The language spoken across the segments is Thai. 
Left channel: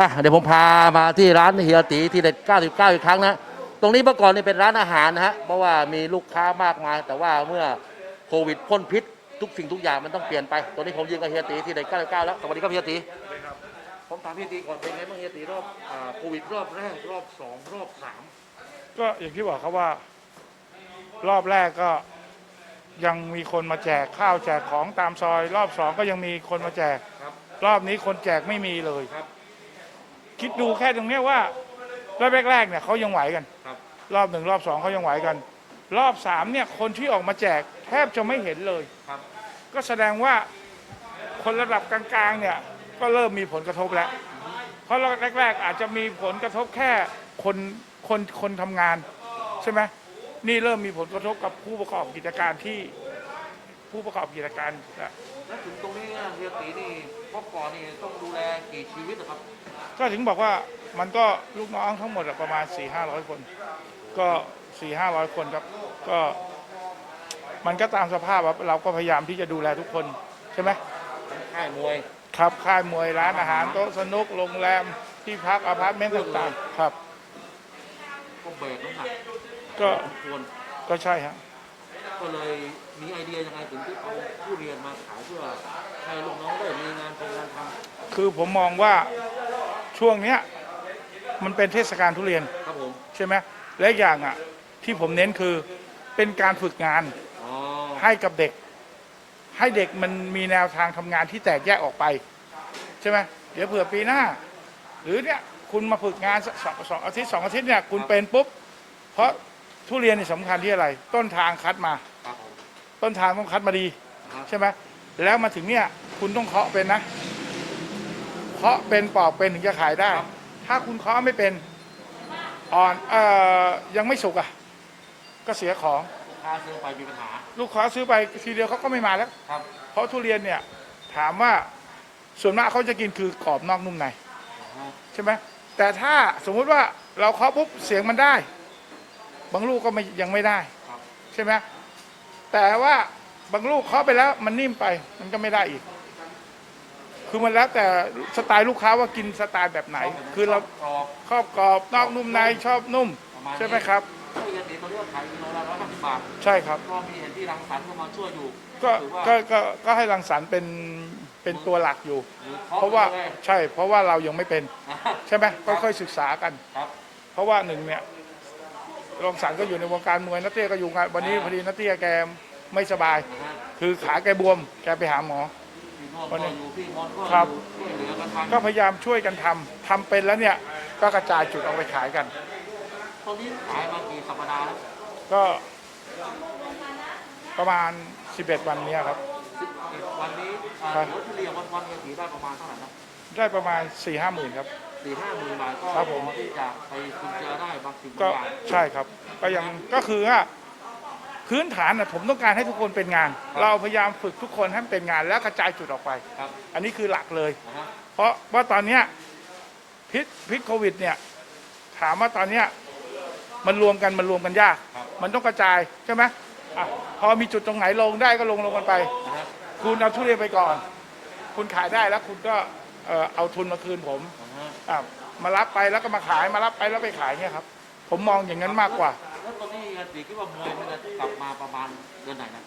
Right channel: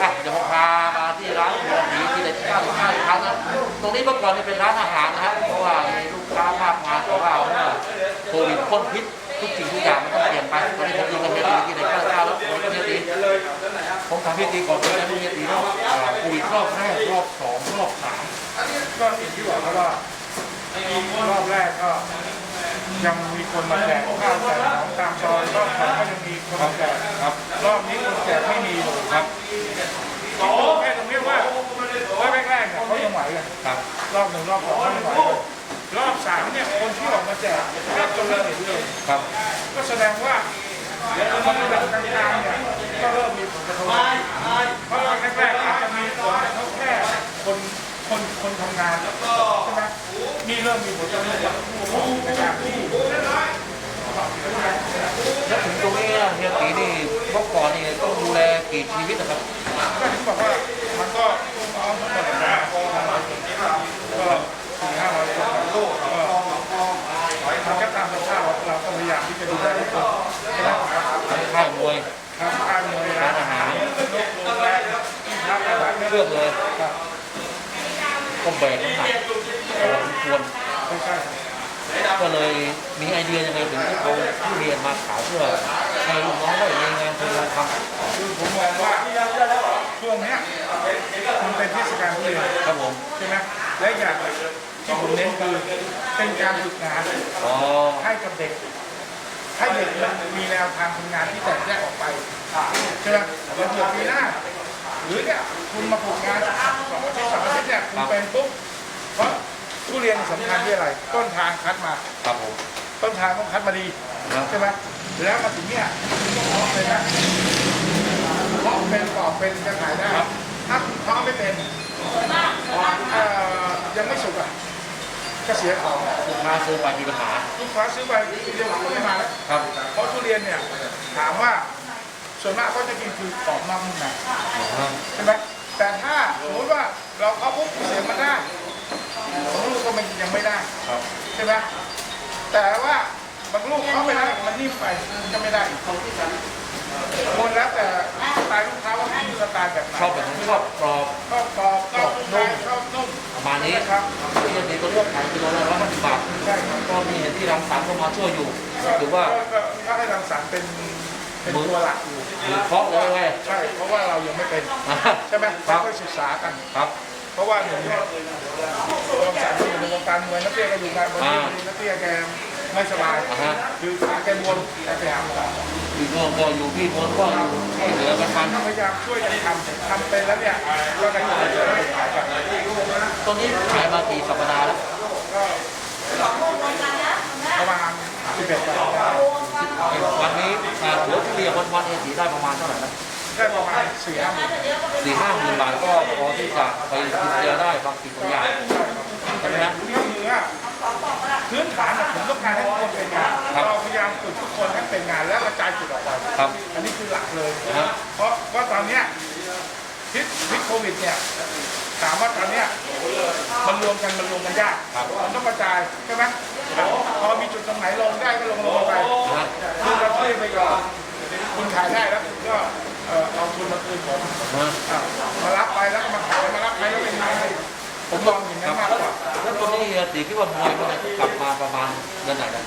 อะเดี๋ยวผมพามาที่ร้านเฮียตีที่เด็ด99 อีกครั้งนะ ตรงนี้เมื่อก่อนนี่เป็นร้านอาหารนะฮะ เพราะว่ามีลูกค้ามากมายแต่ว่าเมื่อโควิดพ่นพิษทุกสิ่งทุกอย่างมันต้องเปลี่ยนไปตอนนี้ผมอยู่กับเฮียตีที่เด็ด99แล้วผมก็เฮียตีผมถามเฮียตีก่อนเลยนะเฮียตีรอบอ่าโควิดรอบแรกรอบสองรอบสามก็อย่างที่บอกแล้วว่ารอบแรกก็ ยังมีคนมาแจกข้าวแจกของตามซอยรอบสองก็ยังมีคนมาแจกครับ รอบนี้คนแจกไม่มีเลยครับคิดดูแค่ตรงนี้ว่ารอบแรกๆเนี่ยเขายังไหวกันครับ รอบหนึ่งรอบสองเขายังไหวกันรอบสามเนี่ยคนที่ออกมาแจกแทบจะไม่เห็นเลยครับ ก็แสดงว่าคนระดับกลางๆเนี่ยก็เริ่มมีผลกระทบแล้วเพราะรอบแรกๆอาจจะมีผลกระทบแค่คน คนคนทำงานใช่ไหมนี่เริ่มมีผลกระทบกับผู้ประกอบกิจการที่ผู้ประกอบกิจการแล้วถึงตรงนี้เฮียตีนี่เมื่อก่อนนี่ต้องดูแลกี่ชีวิตนะครับ ก็ถึงบอกว่ามันก็เอาทั้งหมดมาก็สี่ห้าร้อยคนลูกก็มันก็ตามสภาพเราเราก็พยายามที่จะดูแลทุกคนใช่ไหมค่ายมวยครับค่ายมวยร้านอาหารรถบรรทุกโรงแรมที่พักอาหารไม่เลือกเลยครับ ก็แบกน้ำหนักพอสมควรก็ใช่ครับก็เลยมีไอเดียยังไงถึงที่เอาผู้เรียนมาขายเพื่อให้ลูกน้องได้มีงานทำคือผมมองว่าช่วงเนี้ยมันเป็นเทศกาลทุเรียนครับผมใช่ไหมและอย่างอะที่ผมเน้นคือเป็นการฝึกงานให้กับเด็ก ให้เด็กมันมีแนวทางทำงานที่แตกแยกออกไปใช่ไหมเดี๋ยวเผื่อปีหน้า หรือเนี่ยคุณมาฝึกงานสองอาทิตย์สองอาทิตย์เนี่ยคุณเป็นปุ๊บเพราะทุเรียนสำคัญที่อะไร ต้นทางคัดมา ครับผม ต้นทางต้องคัดมาดีครับ ใช่ไหมแล้วมาถึงเนี่ยคุณต้องเพาะเป็นนะเพาะเป็นปอกเป็นถึงจะขายได้ ถ้าคุณเพาะไม่เป็นอ่อนเอ่อยังไม่สุกอะก็เสียของลูกค้าซื้อไปมีปัญหาลูกค้าซื้อไปทีเดียวเขาก็ไม่มาแล้ว ครับ เพราะทุเรียนเนี่ยถามว่า ส่วนมากเขาจะกินคือกรอบนอกนุ่มในใช่ไหมแต่ถ้าสมมุติว่าเราเคาะปุ๊บเสียงมันได้บางลูกก็ไม่ยังไม่ได้ครับใช่ไหมแต่ว่าบางลูกเคาะไปแล้วมันนิ่มไปก็ไม่ได้อีกคือมันแล้วแต่สไตล์ลูกค้าว่ากินสไตล์แบบไหนชอบแบบคือชอเราบกรอบชอบกรอบนอกนุ่มในชอบนุ่มประมาณใช่นี้ไหมครับผู้เรียนตีตัวเลือกขายกิโลละร้อยห้าสิบบาทใช่ครับก็มีเห็นที่รังสรรค์เข้ามาช่วยอยู่ก็ถือว่าก็ก็ก็ให้รังสรรค์เป็น เป็นตัวหลักอยู่ เพราะเพราะว่าว่าไงใช่เพราะว่าเรายังไม่เป็น ใช่ไหมค่อยๆศึกษากันครับ เพราะว่าหนึ่งเนี่ยเราสั่งที่อยู่ในวงการมวยนักเตะก็อยู่มาวันนี้อ่าพอดีนักเตะแกไม่สบายอ่าฮะคือขาแกบวมแกไปหาหมออยู่ก็ก็อยู่ที่คนก็ช่วยเหลือกันทก็พยายามช่วยกันทำทำเป็นแล้วเนี่ยก็กระจายไปขายกันำตรงนี้ขายมากี่สัปดาห์แล้วก็ประมาณ11วันได้วัน นี้อ่าเหลือผู้เรียนวันวันเอสีได้ประมาณเท่าไหร่นะได้ประมาณ4-5หมื่นสี่ห้าหมื่นบาทก็พอที่จะไปกินเจอได้บางสิ่งก็บางอย่างใช่ครับก็อย่างก็คือว่าพื้นฐานน่ะผมต้องการให้ทุกคนเป็นงาน เราพยายามฝึกทุกคนให้เป็นงานและกระจายจุดออกไป ครับ อันนี้คือหลักเลยนะฮะเพราะว่าตอนเนี้ยพิษพิษโควิดเนี่ยถามว่าตอนเนี้ยมันรวมกันมันรวมกันยาก มันต้องกระจายใช่ไหม พอมีจุดตรงไหนลงได้ก็ลงลงไปนะฮะคุณเราช่วยไปก่อน คุณขายได้แล้วคุณก็เอ่อเอาทุนมาคืนผมนะฮะอะมารับไปแล้วก็มาขายมารับไปแล้วไปขายให้ผมมองอย่างนั้นมากกว่าแล้วตรงนี้เฮียตีคิดว่ามวยมันจะกลับมาประมาณเดือนไหนนะ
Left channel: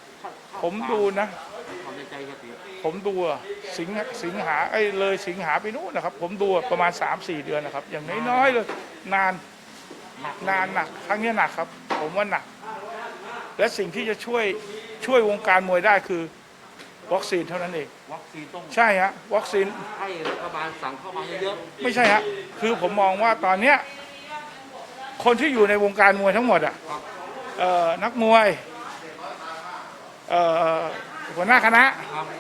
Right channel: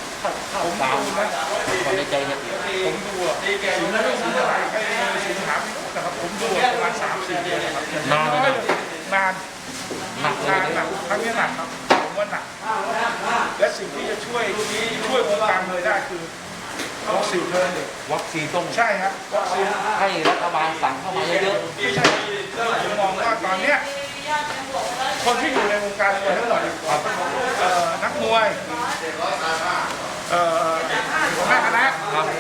ผมดูนะความในใจเนี่ยตีผมดูอะสิงหาไอ้เลยสิงหาไปนู่นนะครับ ผมดูอะประมาณสามสี่เดือนนะครับไม่เลยนานหนักเลนายนหนักครั้งนี้หนักครับผม ว่าหนัก และสิ่งที่จะช่วยช่วยวงการมวยได้คือวัคซีนเท่านั้นเองวัคซีนต้องใช่ฮะวัคซีนให้รัฐบาลสั่งเข้ามาเยอะไม่ใช่ฮะคือผมมองว่าตอนเนี้ยคนที่อยู่ในวงการมวยทั้งหมดอะเอ่อนักมวยเอ่อหัวหน้าคณะ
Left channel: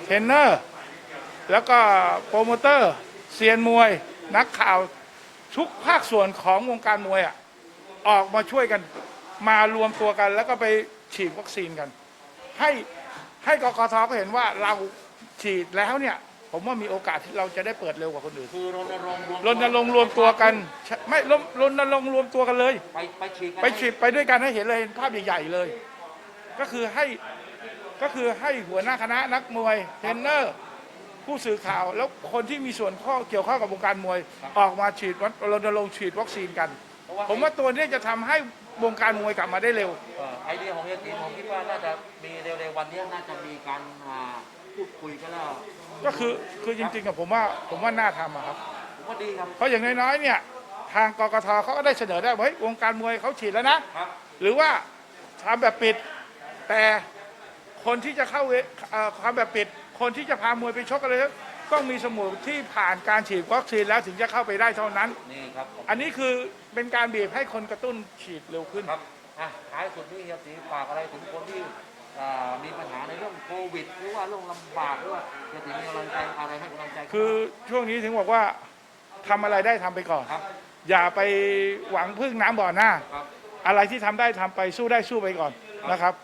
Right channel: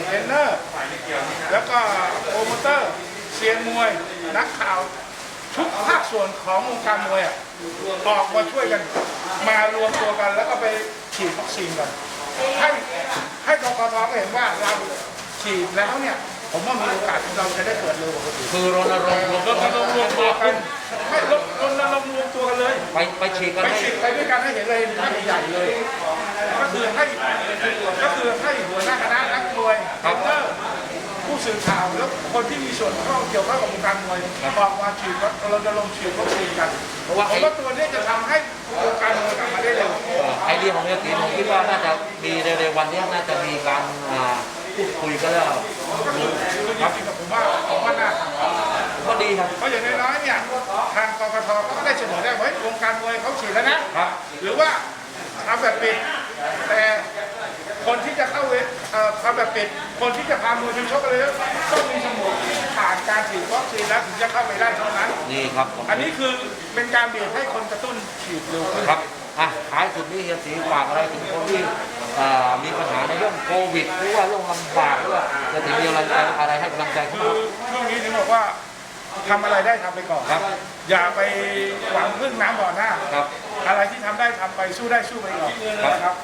เทรนเนอร์ แล้วก็โปรโมเตอร์เซียนมวย นักข่าว ทุกภาคส่วนของวงการมวยอะออกมาช่วยกัน มารวมตัวกันแล้วก็ไปฉีดวัคซีนกันให้ให้กกทเห็นว่าเราฉีดแล้วเนี่ย ผมว่ามีโอกาสที่เราจะได้เปิดเร็วกว่าคนอื่นๆคือรณรงค์รณรงค์รวมตัวกันไม่รณรณรงค์รวมตัวกันเลย ไปไปฉีดกันไปให้ฉีดไปด้วยกันให้เห็นเลยภาพใหญ่ๆเลย ก็คือให้ก็คือให้หัวหน้าคณะนักมวยเทรนเนอร์ผู้สสื่อข่าวแล้วคนที่มีส่วนข้องเกี่ยวข้อ งกับวงการมวยออกมาฉีดวัคเราจะลงค์ฉีดวัคซีนกันเพราะว่าผมไอ้ว่าตัวนี้จะทำให้วงการมวยกลับมาได้เร็ว ไอเดียของเฮียตีผมคิดว่าน่าจะมีเร็วๆวันนี้น่าจะมีการอ่าพูดคุยกันแล้ว ก็คือจริงๆกับผมว่าผมว่าน่าทำ ก็ดีครับ เพราะอย่างน้อยๆเนี่ยทางกกทเขาก็ได้เสนอได้ว่าเฮ้ยวงการมวยเขาฉีดแล้วนะครับหรือว่าทำแบบปิดแต่คนที่จะเข้าเว็บ เอ่อทำแบบปิดคนที่จะพามวยไปชกเลยต้องมีสมุดที่ผ่านการฉีดวัคซีนแล้วถึงจะเข้าไปได้เท่านั้น นี่ครับผมอันนี้คือเป็นการบีบให้คนกระตุ้นฉีดเร็วขึ้น ครับอะท้ายสุดนี้เฮียตีฝากอะไรถึงคนที่อ่ามีปัญหาในเรื่องโควิด หรือว่าเรื่องลำบากหรือว่าจะถึงมีอะไรอะไรให้กำลังใจเขาคือบ้างช่วงนี้ถึงบอกว่าทำอะไรได้ทำไปก่อนครับ อย่าไปหวังพึ่งน้ำบ่อหน้า ครับ อะไรที่ทำได้ทำไปสู้ได้สู้ไปก่อนนะครับ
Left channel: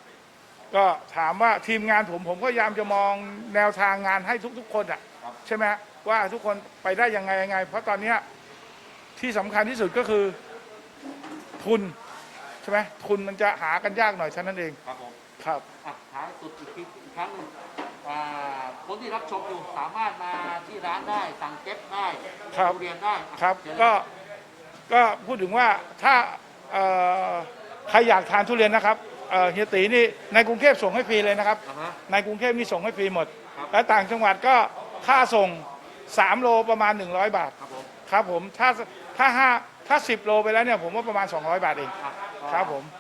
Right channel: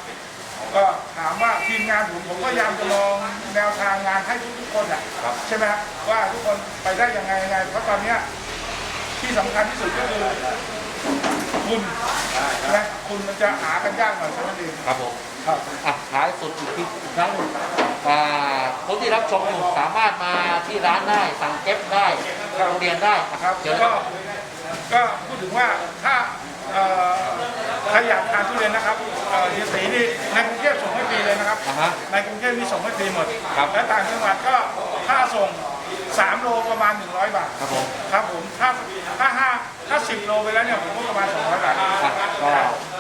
ก็ถามว่าทีมงานผมผมก็พยายามจะมองแนวทางงานให้ทุกๆคนอะครับใช่ไหมว่าทุกคนไปได้ยังไงยังไงเพราะตอนเนี้ยที่สำคัญที่สุดก็คือคุณและคุณมันจะหากันยากหน่อยเท่านั้นเองครับผมครับ อะท้ายสุดอีกทีอีกครั้งหนึ่งอ่าคนที่รับชมอยู่สามารถมาที่ร้านได้สั่งเก็บได้เข้าโรงเรียนได้อะครับเดี๋ยวก็ ก็พูดถึงว่าถ้าเอ่อใครอยากทานทุเรียนนะครับเอ่อเฮียตีนี่ในกรุงเทพส่งให้ฟรีเลยนะครับนะฮะในกรุงเทพมีส่งให้ฟรีหมด ครับ และต่างจังหวัดก็ค่าส่ง 3 โลประมาณ 100 บาท ครับผมครับผมถ้าถ้าห้าถ้า10โลไปแล้วเนี่ยผมก็ประมาณ 200 บาทอะก็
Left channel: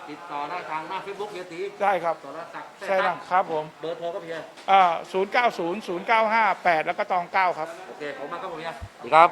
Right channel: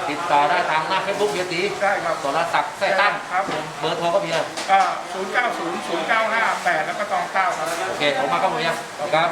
ติดต่อได้ทางหน้าเฟซบุ๊กเฮียตีได้ครับสรศักดิ์แท้ตั้งครับผมเบอร์โทรก็มีอะอ่า090 095 8แล้วก็ตอง9ครับ โอเค ผมมาครับผมเนี่ยครับ